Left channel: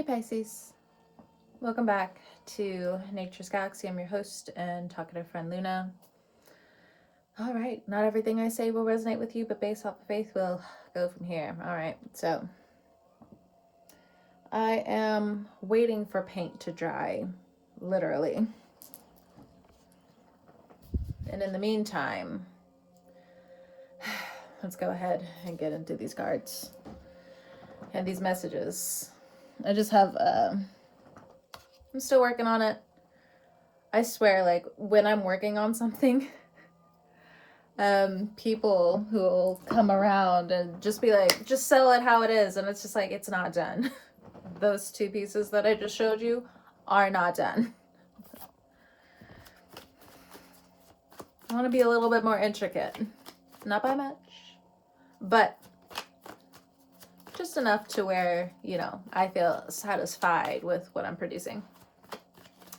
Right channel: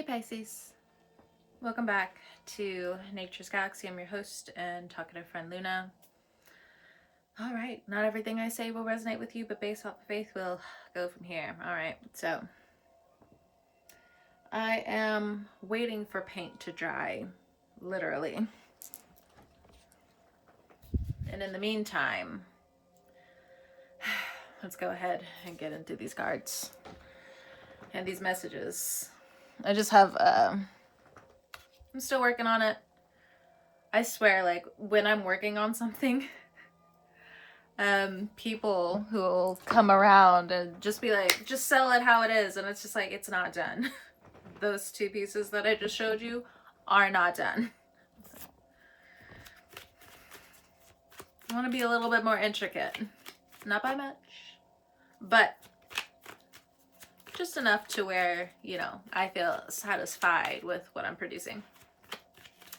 Hey Pisces, welcome back to Nature's Galaxy. I'm your host and talkative friend Luna. All right, not everything I say will resonate with you, but based off of faith, we'll go from here. All right, so I am waiting for paint to dry, literally. And in the meantime, let's go ahead and get into these cards and these messages. I just have, I'm still working on it. I swear, like, when I'm working on something, people who will come around and just be like, just sell it how it is. And it's just like, it's not done. Those two pieces that I just showed you are not done. I want to be a little bit more intricate. Not by much, but just enough to where, you know, I feel satisfied with what I'm producing.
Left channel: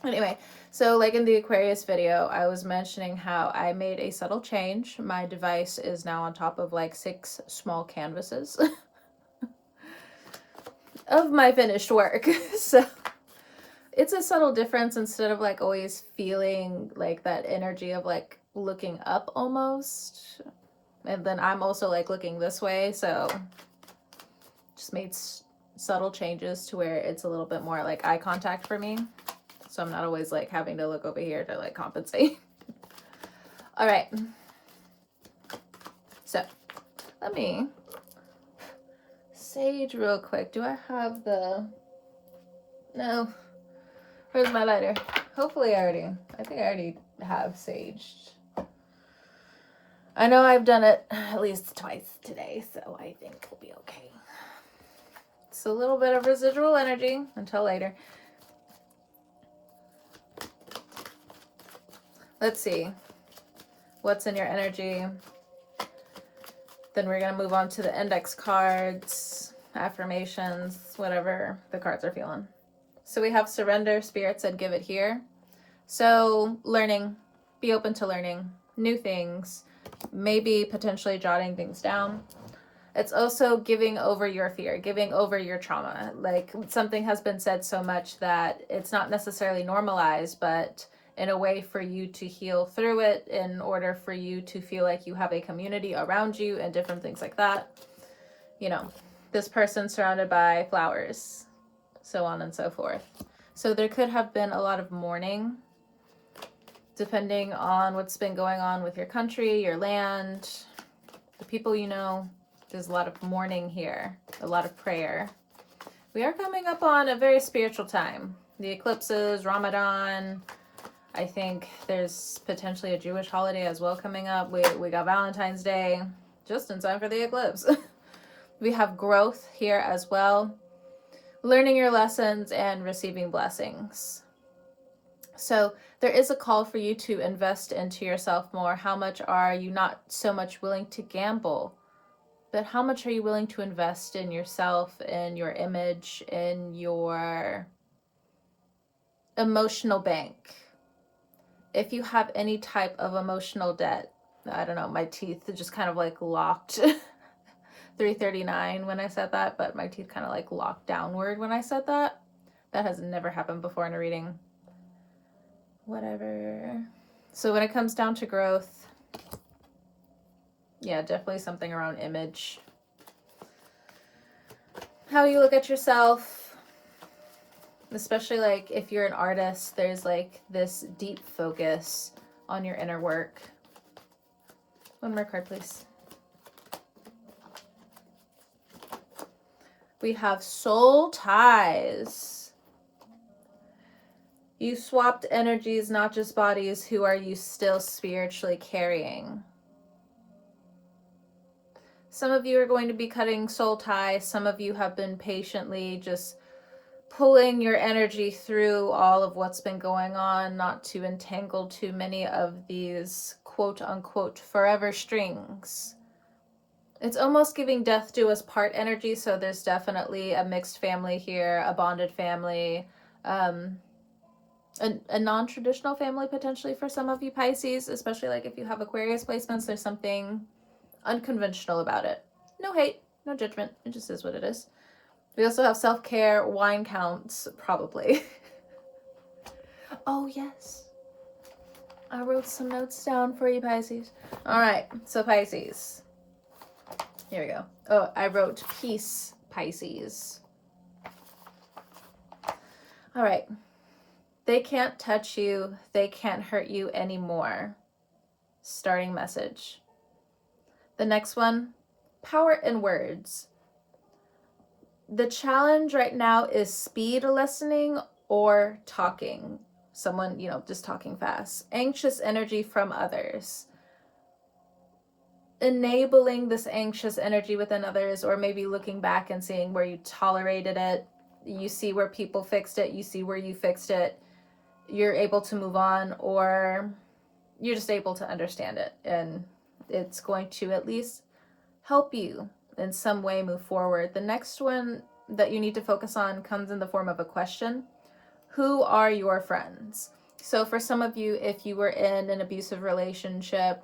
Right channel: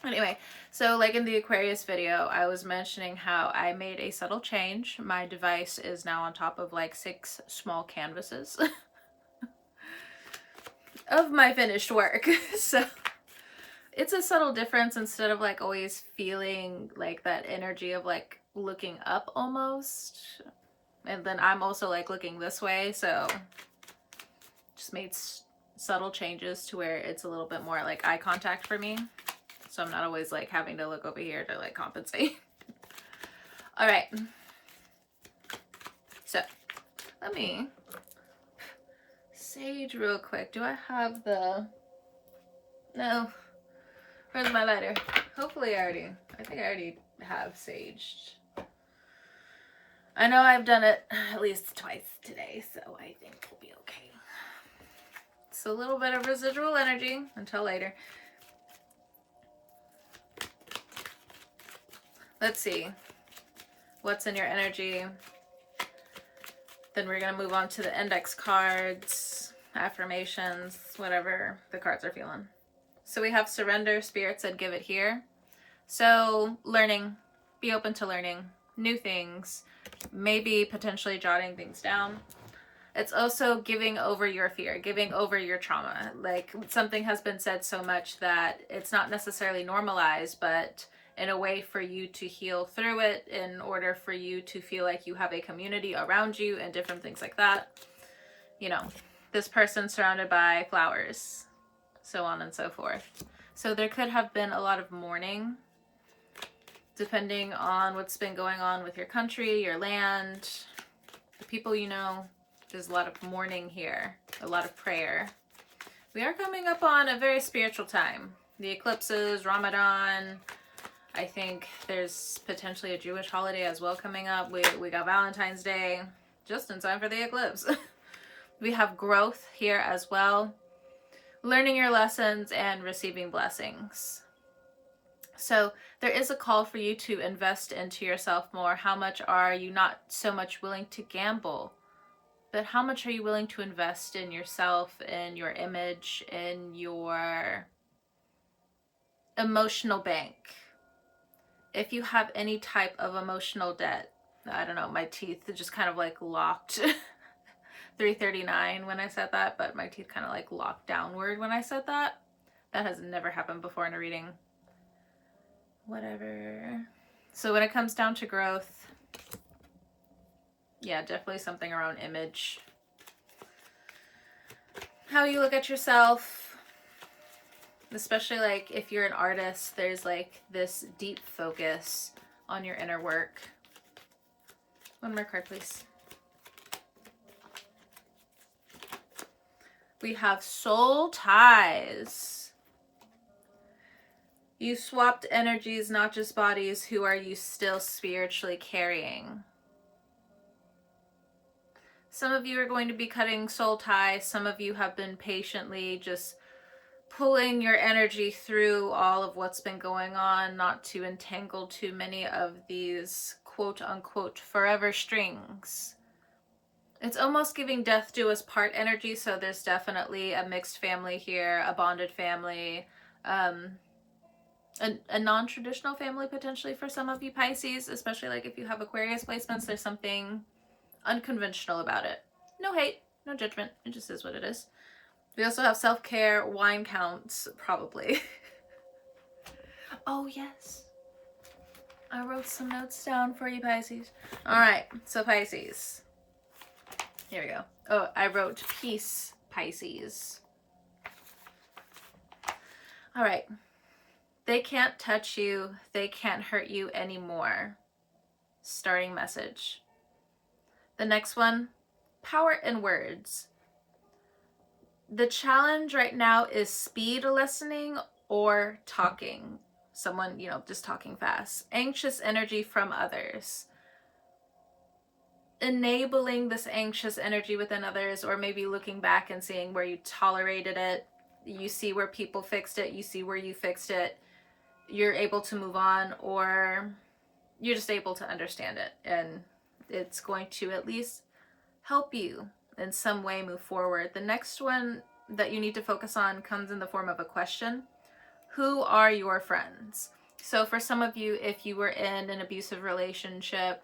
Anyway, so like in the Aquarius video, I was mentioning how I made a subtle change. My device is now on top of like 6 small canvases of my finished work. So it's a subtle difference. Instead of like always feeling like that energy of like looking up almost. And then I'm also like looking this way. So just made subtle changes to where it's a little bit more like eye contact for me. So I'm not always like having to look over here to like compensate. All right. So let me sage real quick. Do I have the... No. Where's my lighter? Hopefully I think I already have saged. I know I've done it at least twice today, so I think we'll be okay. It's a little bit of residual energy until later. Let's see what's in your energy. Then we're going to move on to the index cards, affirmations, whatever the cards are feeling. So we have surrender. Spirit said give it here. So learning, be open to learning new things, maybe potentially jotting things down. It's also giving over your fear, giving over your trauma. Like something has been said so much that it's not necessarily normalized, but in a way for you to heal through it, in order for you to feel like you have a community around you and different things like that. You know, this person surrounded by flowers, so on and so forth. So there could have been a lot of mourning, depending on what's been going on with your country, your land, the people you know. There's a lot of mourning here, a lot of prayer. We are coming up on a very spiritual time. The eclipses, Ramadan. I think there's potentially a Jewish holiday as well coming up. We got Valentine's Day, just in time for the eclipse. We have growth here as well. Learning your lessons and receiving blessings. So there is a call for you to invest into yourself more. How much are you not so much willing to gamble, but how much are you willing to invest in yourself, in your image, in your emotional bank? If you have any type of emotional debt, I don't know, my teeth just kind of like locked 339 when I said that, but my teeth kind of like locked downward when I said that. That has never happened before in a reading. Whatever. So when it comes down to growth, yeah, definitely something around image. How you look at yourself. Especially like if you're an artist, there's like this deep focus on your inner work. One more card, please. We have soul ties. You swapped energies, not just bodies. Who are you still spiritually carrying? Some of you are going to be cutting soul ties. Some of you have been patiently just pulling your energy through all of what's been going on, not to entangle too many of these quote unquote forever strings. It's almost giving death do us part energy. So there's definitely a mixed family here, a bonded family, a non-traditional family potentially for some of you Pisces, especially like if you have Aquarius placements. There's something unconventional about it. No hate, no judgment. It just is what it is. We also have self-care, wine counts, probably. Oh, yes. I wrote some notes down for you, Pisces. All right, so Pisces. Here we go. Oh, I wrote peace, Pisces. All right. They can't touch you. They can't hurt you anymore. Starting message. The next one, power in words. The challenge right now is speed listening or talking. Someone, just talking fast. Anxious energy from others. Enabling this anxious energy within others, or maybe looking back and seeing where you tolerated it. You see where people fixed it. You see where you fixed it. You're able to move on, or you're just able to understand it. And it's going to at least help you in some way move forward. The next one that you need to focus on comes in the form of a question. Who are your friends? So for some of you, if you were in an abusive relationship,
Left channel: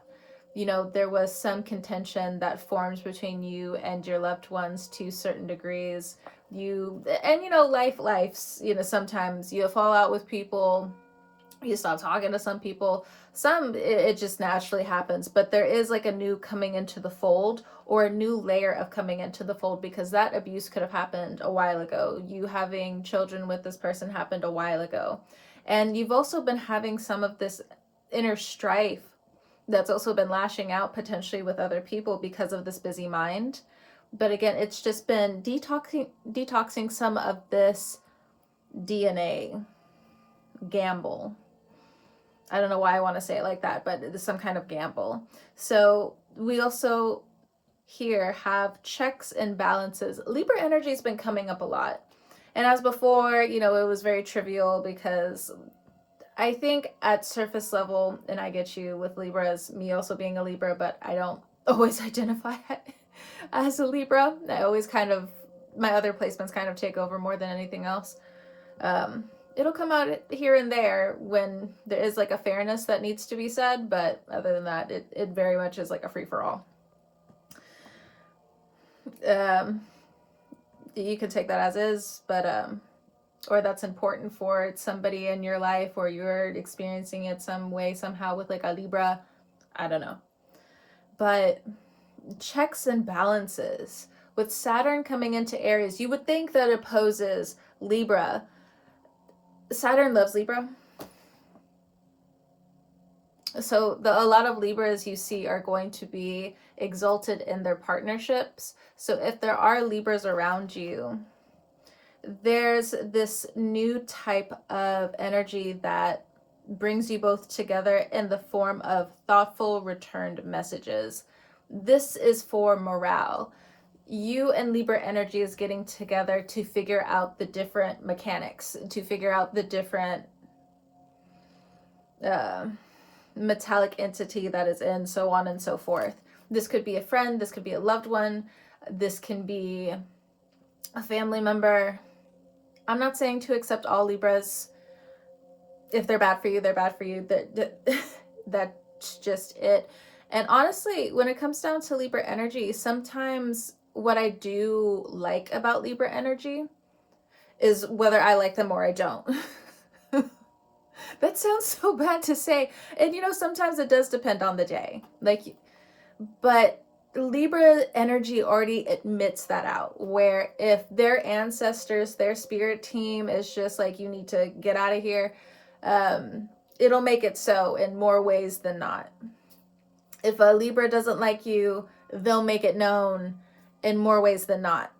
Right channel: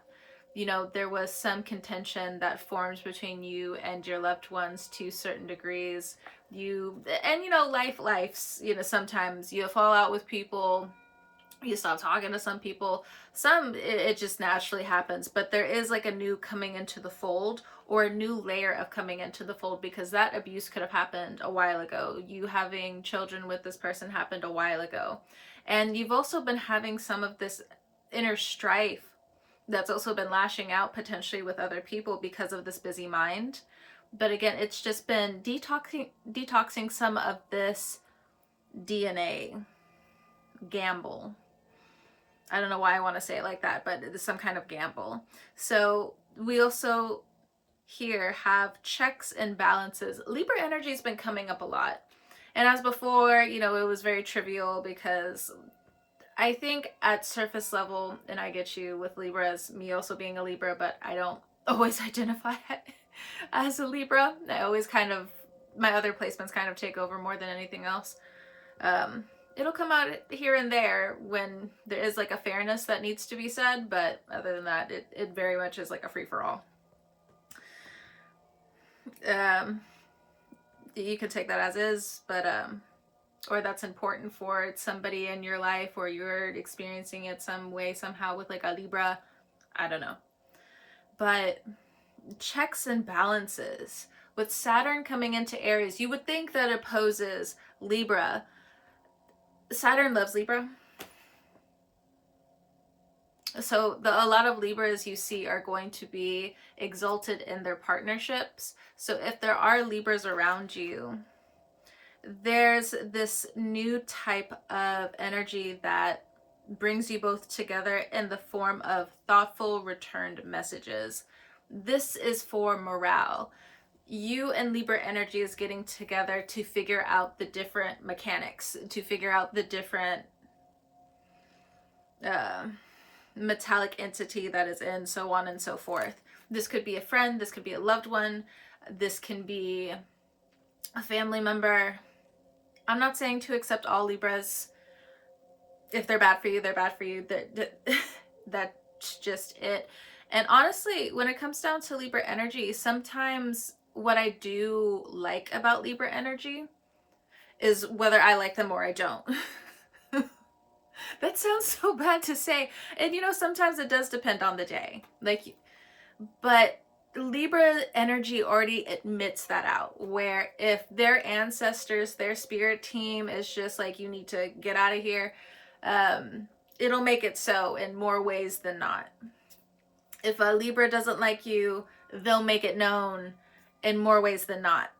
there was some contention that forms between you and your loved ones to certain degrees. Life's, sometimes you fall out with people, you stop talking to some people. Some, it just naturally happens, but there is like a new coming into the fold, or a new layer of coming into the fold, because that abuse could have happened a while ago. You having children with this person happened a while ago. And you've also been having some of this inner strife that's also been lashing out potentially with other people because of this busy mind. But again, it's just been detoxing some of this DNA gamble. I don't know why I want to say it like that, but it's some kind of gamble. So we also here have checks and balances. Libra energy has been coming up a lot. And as before, it was very trivial, because I think at surface level, and I get you with Libras, me also being a Libra, but I don't always identify as a Libra. I always my other placements kind of take over more than anything else. It'll come out here and there when there is like a fairness that needs to be said, but other than that, it very much is like a free-for-all. You can take that as is, but or that's important for somebody in your life, or you're experiencing it some way, somehow with like a Libra. I don't know. But checks and balances. With Saturn coming into Aries, you would think that opposes Libra. Saturn loves Libra. So a lot of Libras you see are going to be exalted in their partnerships. So if there are Libras around you, there's this new type of energy that brings you both together in the form of thoughtful returned messages. This is for morale. You and Libra energy is getting together to figure out the different mechanics, to figure out the different metallic entity that is in, so on and so forth. This could be a friend, this could be a loved one, this can be a family member. I'm not saying to accept all Libras. If they're bad for you, they're bad for you. That's just it. And honestly, when it comes down to Libra energy, sometimes what I do like about Libra energy is whether I like them or I don't. That sounds so bad to say. And sometimes it does depend on the day. But Libra energy already admits that out, where if their ancestors, their spirit team is just like, you need to get out of here, it'll make it so in more ways than not. If a Libra doesn't like you, they'll make it known in more ways than not.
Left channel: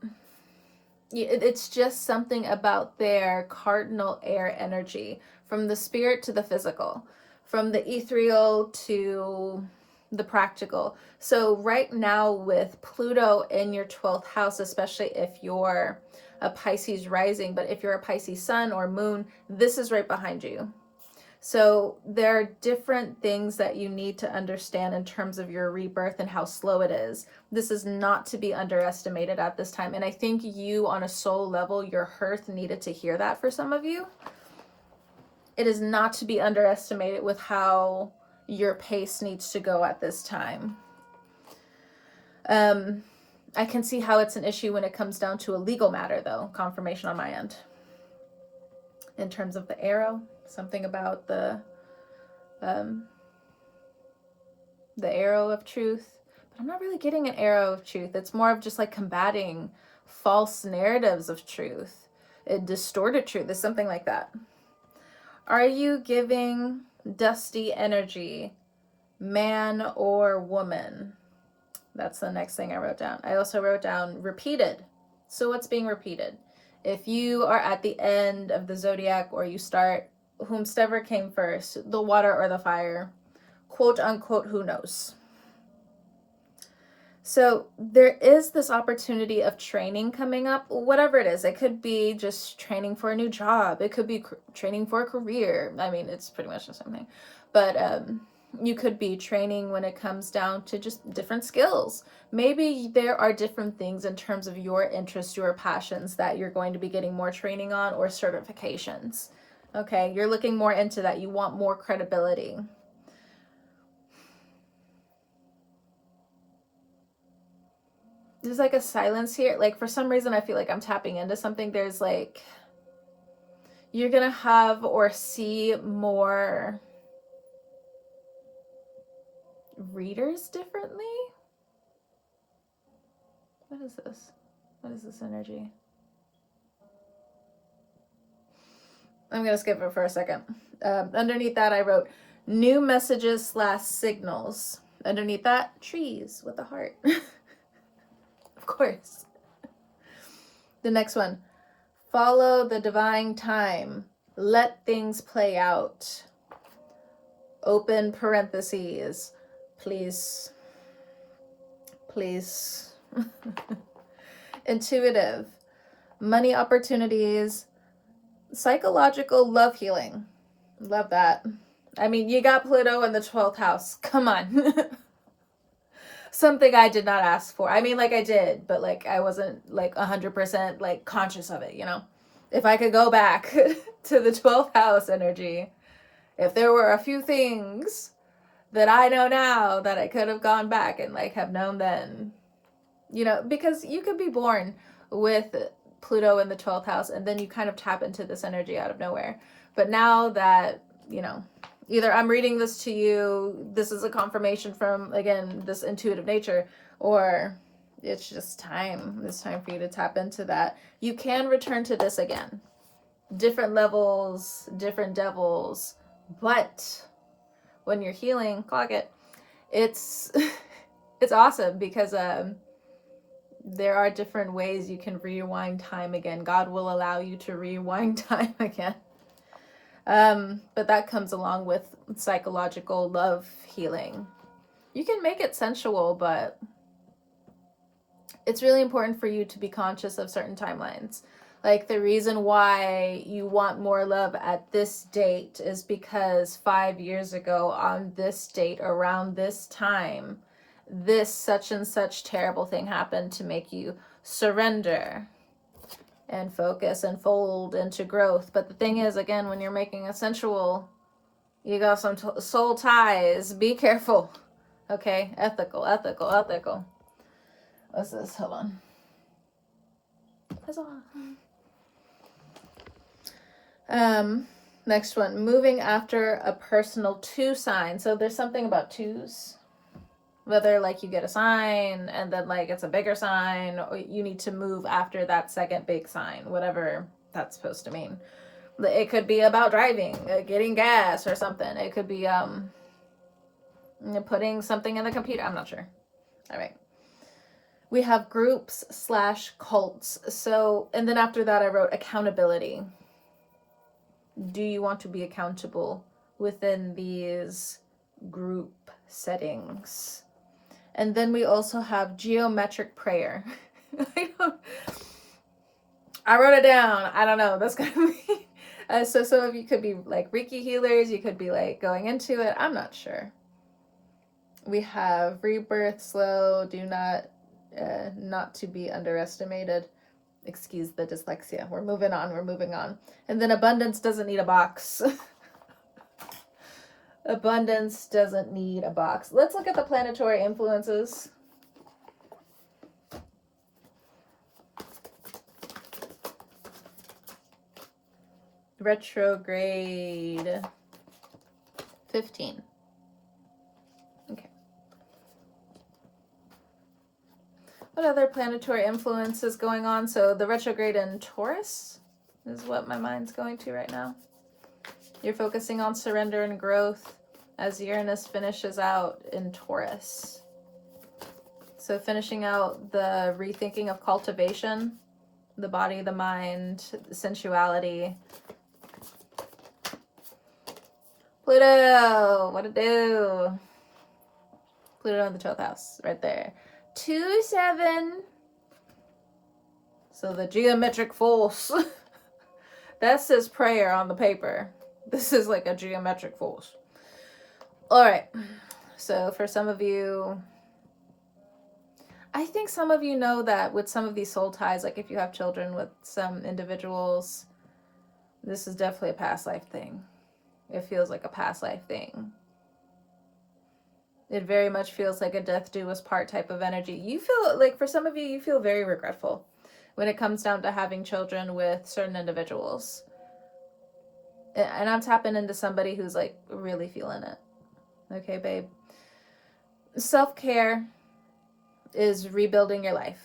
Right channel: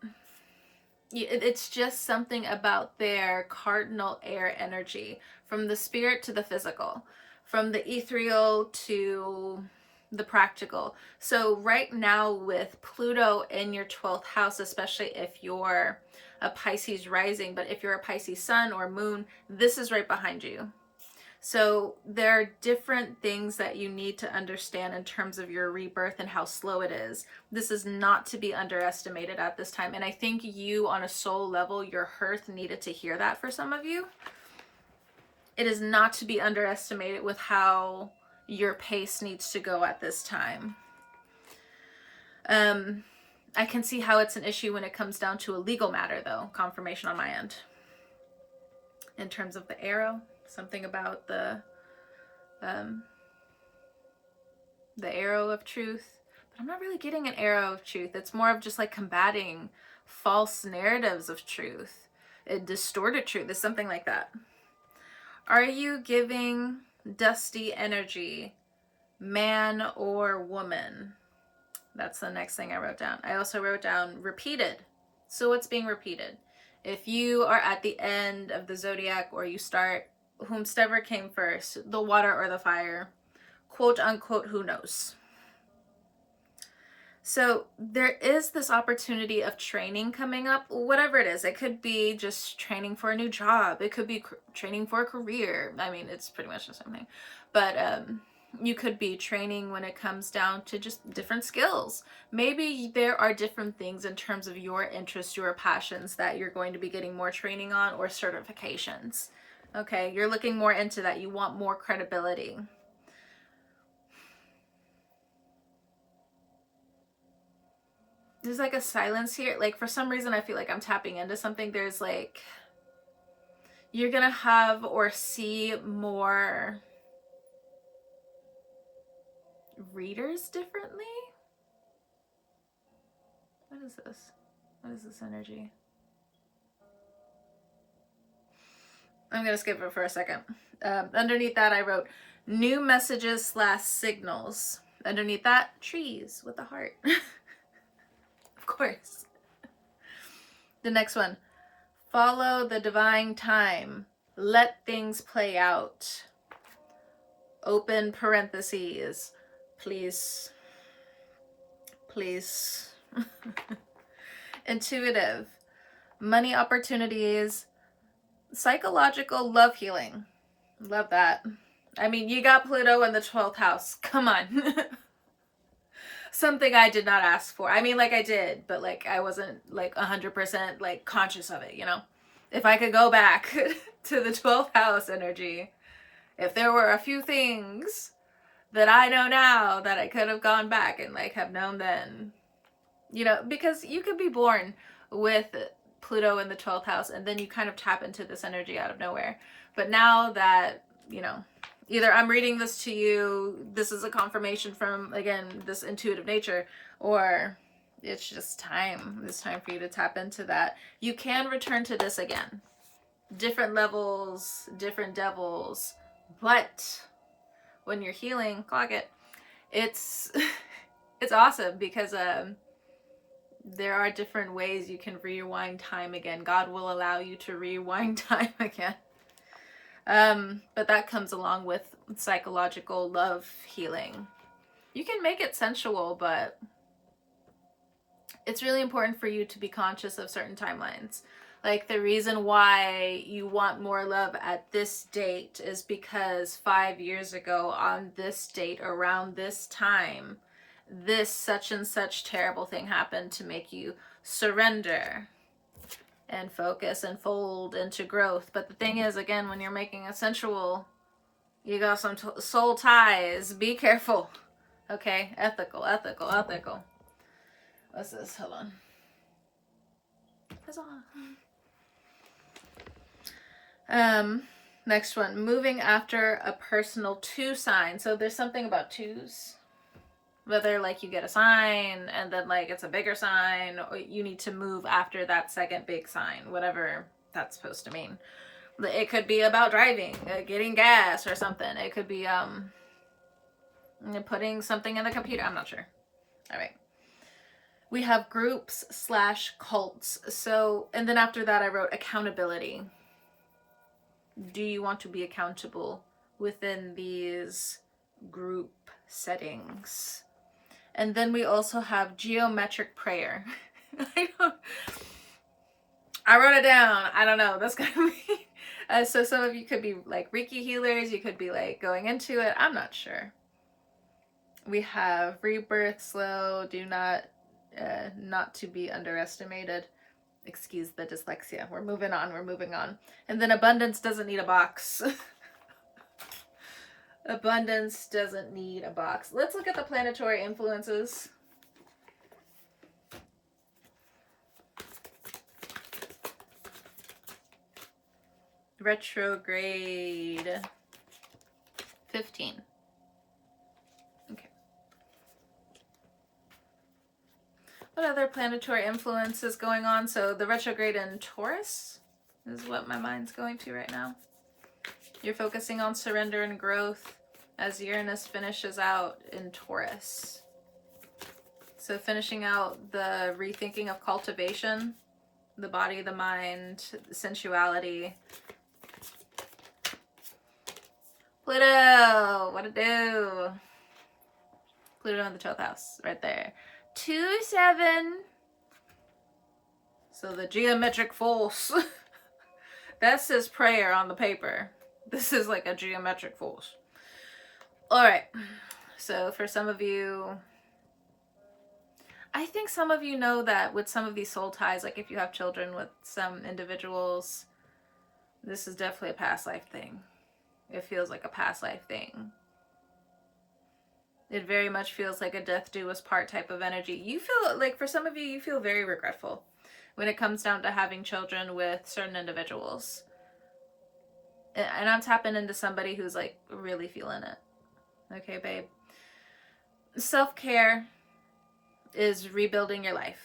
It's just something about their cardinal air energy, from the spirit to the physical, from the ethereal to the practical. So right now with Pluto in your 12th house, especially if you're a Pisces rising, but if you're a Pisces sun or moon, this is right behind you. So there are different things that you need to understand in terms of your rebirth and how slow it is. This is not to be underestimated at this time. And I think you, on a soul level, your hearth needed to hear that for some of you. It is not to be underestimated with how your pace needs to go at this time. I can see how it's an issue when it comes down to a legal matter, though. Confirmation on my end. In terms of the arrow, something about the arrow of truth. But I'm not really getting an arrow of truth. It's more of just like combating false narratives of truth. Distorted truth is something like that. Are you giving dusty energy, man or woman? That's the next thing I wrote down. I also wrote down repeated. So what's being repeated? If you are at the end of the zodiac, or you start whomsoever came first, the water or the fire, quote unquote, who knows? So there is this opportunity of training coming up, whatever it is. It could be just training for a new job. It could be training for a career. I mean, it's pretty much the same thing. But you could be training when it comes down to just different skills. Maybe there are different things in terms of your interests, your passions, that you're going to be getting more training on, or certifications. Okay, you're looking more into that. You want more credibility. There's like a silence here. Like for some reason, I feel like I'm tapping into something. There's like, you're gonna have or see more readers differently. What is this? What is this energy? I'm gonna skip it for a second. Underneath that, I wrote new messages / signals. Underneath that, trees with a heart. Of course. The next one, follow the divine time. Let things play out. Open parentheses. Please. Please. Intuitive. Money opportunities. Psychological love healing. Love that. I mean, you got Pluto in the 12th house. Come on. Something I did not ask for. I mean, like I did, but like I wasn't like 100% like conscious of it, you know? If I could go back to the 12th house energy, if there were a few things that I know now that I could have gone back and like have known then, you know, because you could be born with Pluto in the 12th house and then you kind of tap into this energy out of nowhere. But now that, you know, either I'm reading this to you, this is a confirmation from, again, this intuitive nature, or it's just time. It's time for you to tap into that. You can return to this again. Different levels, different devils, but when you're healing, clock it. It's awesome because there are different ways you can rewind time again. God will allow you to rewind time again. But that comes along with psychological love healing. You can make it sensual, but it's really important for you to be conscious of certain timelines. Like the reason why you want more love at this date is because 5 years ago on this date, around this time, this such and such terrible thing happened to make you surrender and focus and fold into growth. But the thing is, again, when you're making a sensual, you got some soul ties. Be careful. Okay? Ethical. What's this? Hold on. Next one. Moving after a personal 2 sign. So there's something about 2s. Whether like you get a sign and then like it's a bigger sign, or you need to move after that second big sign, whatever that's supposed to mean. It could be about driving, getting gas or something. It could be putting something in the computer. I'm not sure. All right. We have groups / cults. So, and then after that I wrote accountability. Do you want to be accountable within these group settings? And then we also have geometric prayer. I wrote it down. I don't know. That's gonna be. So some of you could be like Reiki healers. You could be like going into it. I'm not sure. We have rebirth, slow, do not to be underestimated. Excuse the dyslexia. We're moving on. And then abundance doesn't need a box. Abundance doesn't need a box. Let's look at the planetary influences. Retrograde 15. Okay. What other planetary influence is going on? So the retrograde in Taurus is what my mind's going to right now. You're focusing on surrender and growth as Uranus finishes out in Taurus. So finishing out the rethinking of cultivation, the body, the mind, sensuality. Pluto, what to do? Pluto in the 12th house, right there. 2-7. So the geometric force. That's his prayer on the paper. This is like a geometric force. All right. So for some of you, I think some of you know that with some of these soul ties, like if you have children with some individuals, this is definitely a past life thing. It feels like a past life thing. It very much feels like a death do us part type of energy. You feel like, for some of you, you feel very regretful when it comes down to having children with certain individuals. And I'm tapping into somebody who's like really feeling it. Okay, babe. Self-care is rebuilding your life.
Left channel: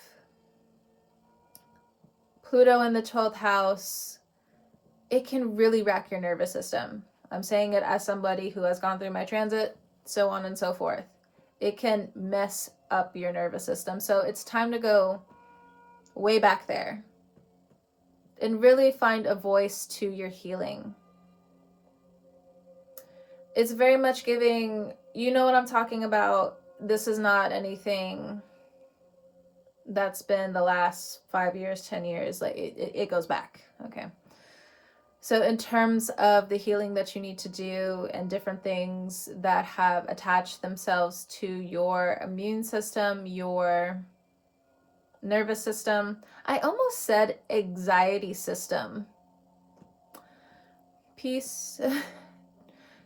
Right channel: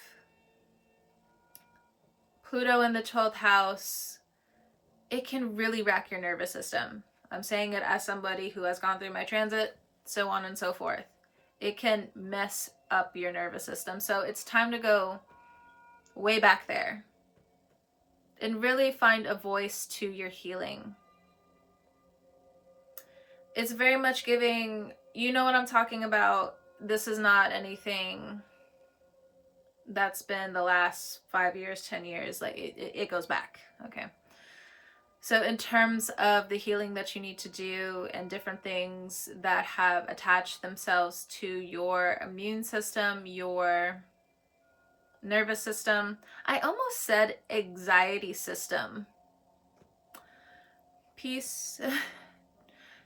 Pluto in the 12th house, it can really rack your nervous system. I'm saying it as somebody who has gone through my transit, so on and so forth. It can mess up your nervous system. So it's time to go way back there and really find a voice to your healing. It's very much giving, you know what I'm talking about. This is not anything that's been the last 5 years, 10 years. Like it goes back. Okay. So in terms of the healing that you need to do and different things that have attached themselves to your immune system, your nervous system, I almost said anxiety system. Peace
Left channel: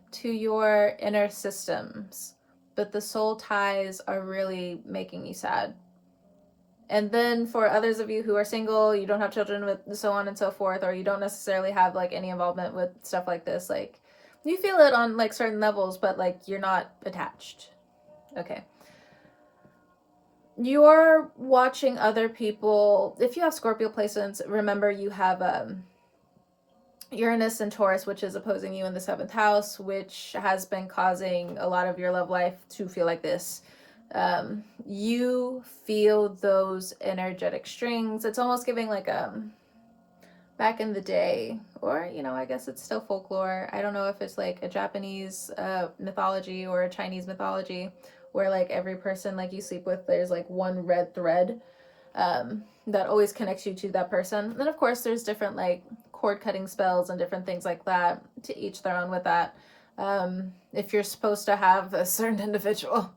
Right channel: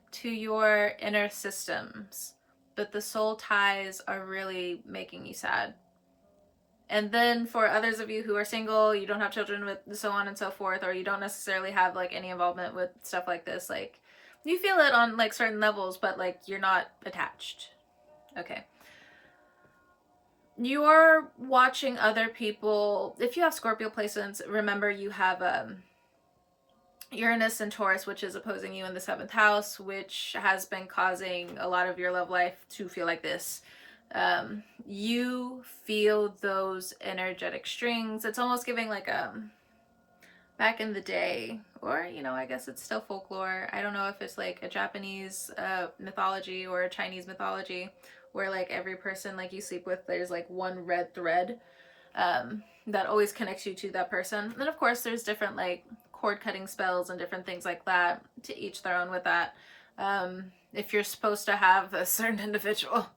to your inner systems, but the soul ties are really making you sad. And then for others of you who are single, you don't have children with so on and so forth, or you don't necessarily have like any involvement with stuff like this, like you feel it on like certain levels, but like you're not attached. Okay. You're watching other people. If you have Scorpio placements, remember you have Uranus and Taurus, which is opposing you in the 7th house, which has been causing a lot of your love life to feel like this. You feel those energetic strings. It's almost giving like back in the day, or you know, I guess it's still folklore. I don't know if it's like a Japanese mythology or a Chinese mythology, where like every person like you sleep with, there's like one red thread that always connects you to that person. And of course there's different like cord cutting spells and different things like that, to each their own with that. If you're supposed to have a certain individual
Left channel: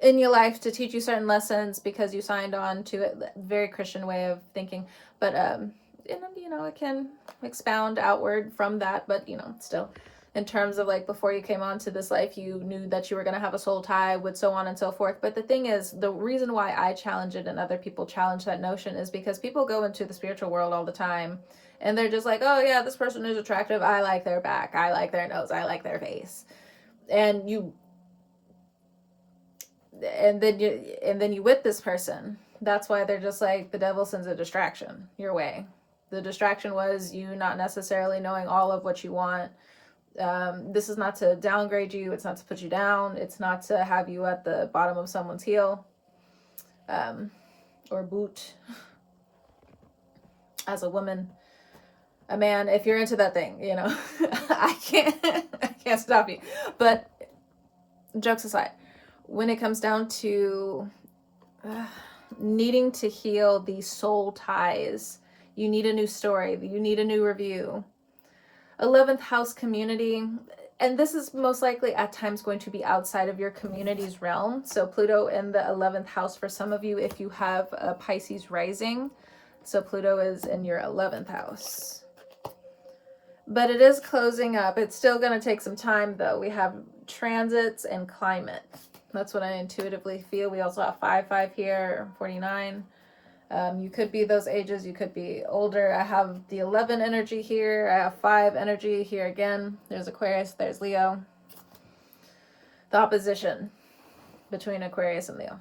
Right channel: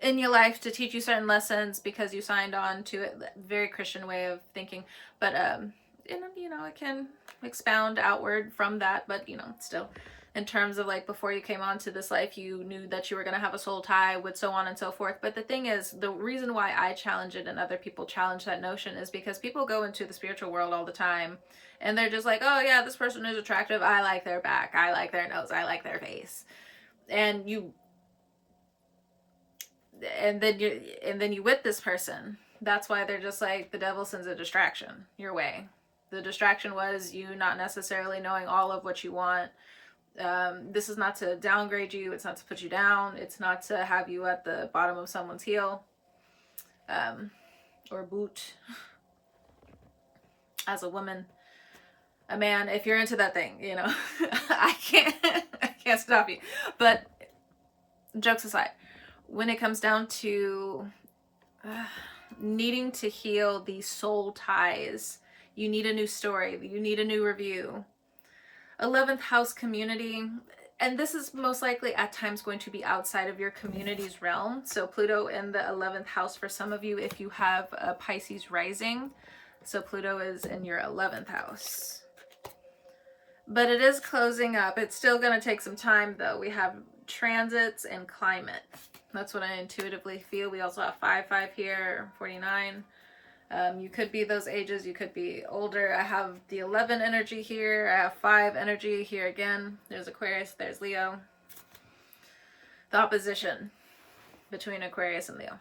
in your life to teach you certain lessons because you signed on to it, very Christian way of thinking, but you know, it can expound outward from that, but you know, still in terms of like before you came onto this life, you knew that you were going to have a soul tie with so on and so forth. But the thing is, the reason why I challenge it and other people challenge that notion is because people go into the spiritual world all the time and they're just like, oh yeah, this person is attractive, I like their back, I like their nose, I like their face, and then you with this person. That's why they're just like, the devil sends a distraction your way. The distraction was you not necessarily knowing all of what you want. This is not to downgrade you. It's not to put you down. It's not to have you at the bottom of someone's heel or boot. As a woman, a man, if you're into that thing, you know, I can't stop you. But jokes aside, when it comes down to needing to heal these soul ties, you need a new story, you need a new review. 11th house community, and this is most likely at times going to be outside of your community's realm. So Pluto in the 11th house for some of you if you have a Pisces rising. So Pluto is in your 11th house. But it is closing up. It's still going to take some time though. We have transits and climate. That's what I intuitively feel. We also have 5-5 here, 49. You could be those ages, you could be older. I have the 11 energy here. I have 5 energy here again. There's Aquarius, there's Leo. The opposition between Aquarius and Leo.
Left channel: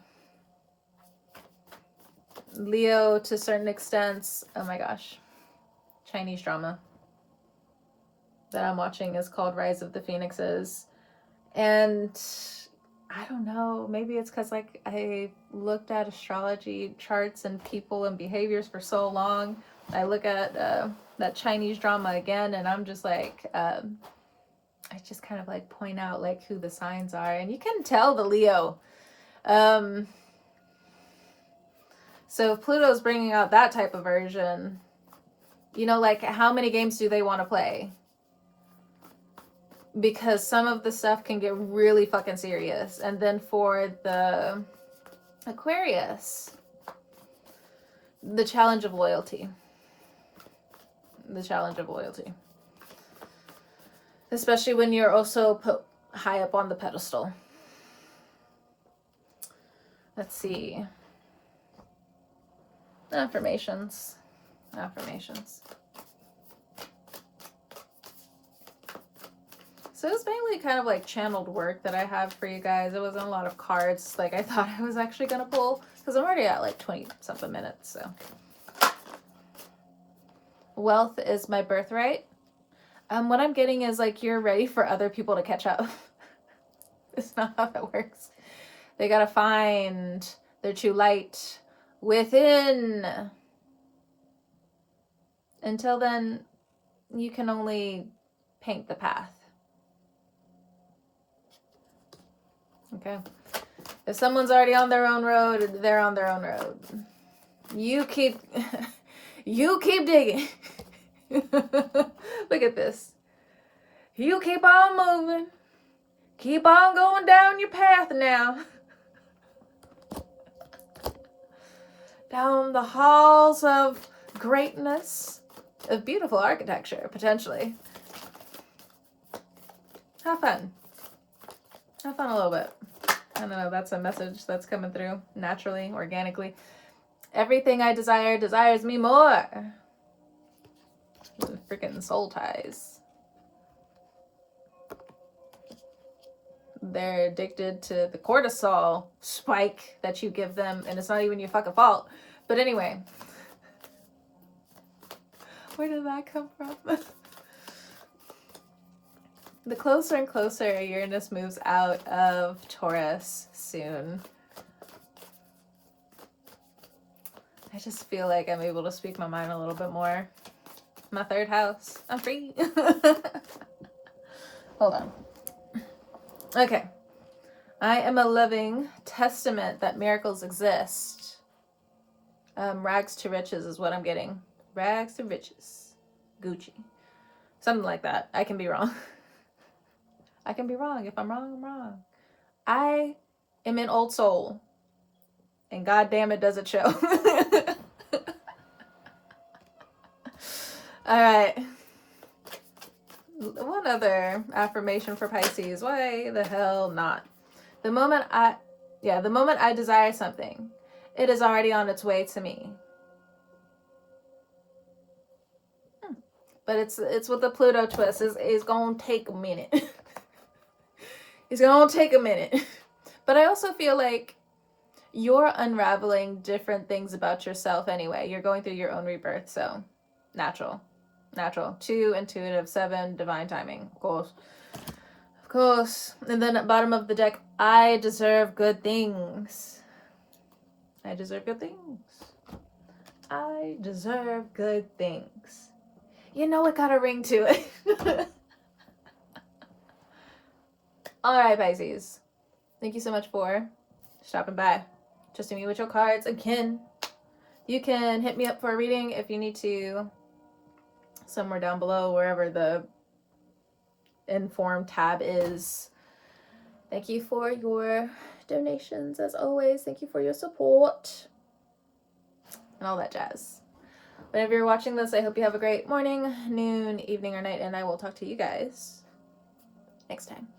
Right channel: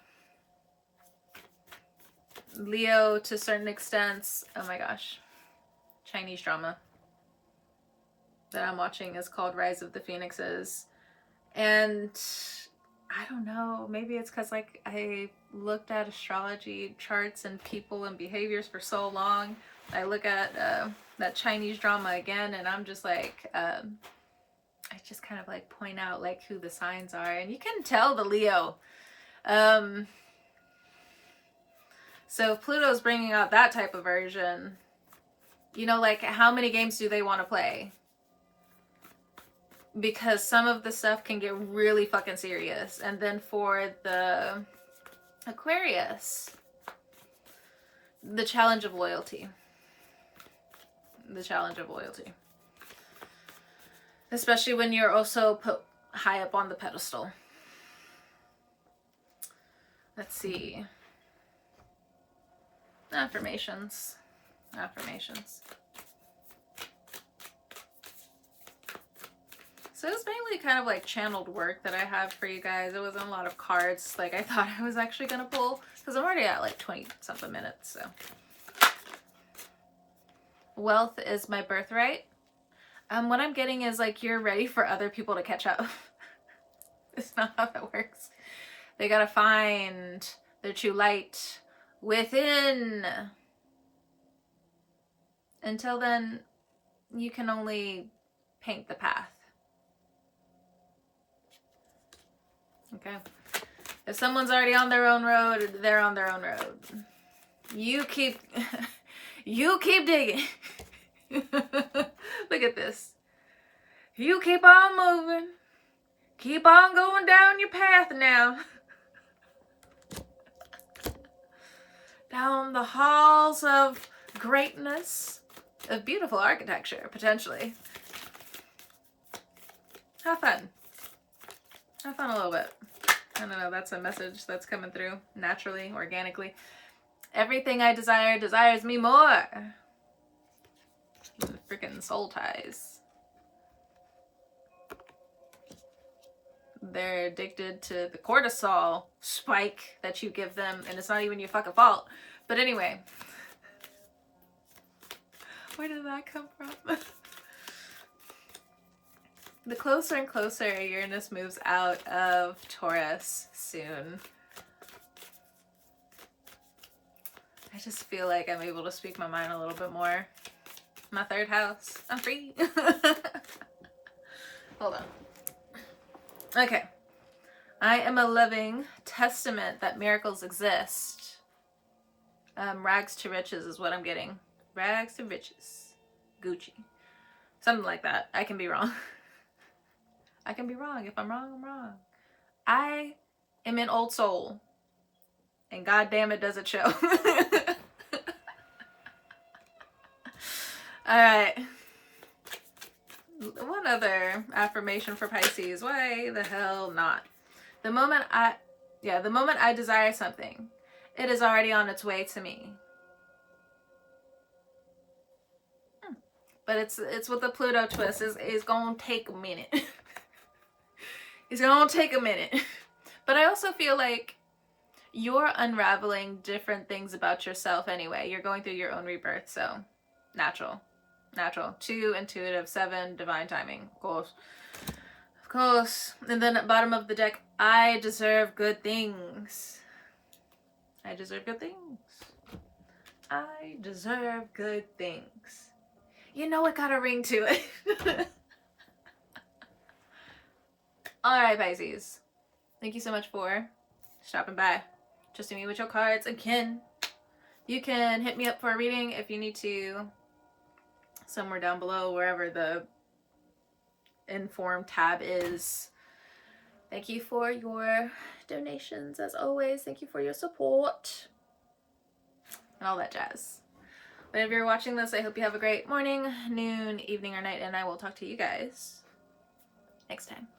Leo, to certain extents, oh my gosh, Chinese drama that I'm watching is called Rise of the Phoenixes. And I don't know, maybe it's because like I looked at astrology charts and people and behaviors for so long. I look at that Chinese drama again, and I'm just like, I just kind of like point out like who the signs are, and you can tell the Leo. So if Pluto's bringing out that type of version, you know, like how many games do they want to play? Because some of the stuff can get really fucking serious. And then for the Aquarius, the challenge of loyalty. The challenge of loyalty. Especially when you're also put high up on the pedestal. Let's see. Affirmations. Affirmations. So it's mainly kind of like channeled work that I have for you guys. It wasn't a lot of cards like I thought I was actually going to pull, because I'm already at like 20 something minutes. So wealth is my birthright. What I'm getting is like you're ready for other people to catch up. It's not how that works. They got to find their true light within. Until then, you can only paint the path. Okay. If someone's already on their own road, they're on their own road. You keep digging. Look at this. You keep on moving. Keep on going down your path now. Down the halls of greatness, of beautiful architecture, potentially. Have fun. Have fun a little bit. I don't know, that's a message that's coming through naturally, organically. Everything I desire desires me more. Freaking soul ties. They're addicted to the cortisol spike that you give them, and it's not even your fucking fault. But anyway. Where did that come from? The closer and closer Uranus moves out of Taurus soon, I just feel like I'm able to speak my mind a little bit more. My 3rd house. I'm free. Hold on. Okay. I am a living testament that miracles exist. Rags to riches is what I'm getting. Rags to riches. Gucci. Something like that. I can be wrong. I can be wrong. If I'm wrong, I'm wrong. I am an old soul. And goddamn it, does it show. Alright. One other affirmation for Pisces. Why the hell not? The moment I desire something, it is already on its way to me. But it's with the Pluto twist. It's gonna take a minute. It's gonna take a minute. But I also feel like you're unraveling different things about yourself anyway. You're going through your own rebirth, so natural. 2, intuitive. 7, divine timing. Of course. And then at bottom of the deck, I deserve good things. I deserve good things. I deserve good things. You know it got a ring to it. Alright, Pisces. Thank you so much for stopping by. Trusting me with your cards again. You can hit me up for a reading if you need to. Somewhere down below, wherever the inform tab is. Thank you for your donations as always. Thank you for your support. And all that jazz. Whenever you're watching this, I hope you have a great morning, noon, evening, or night, and I will talk to you guys next time.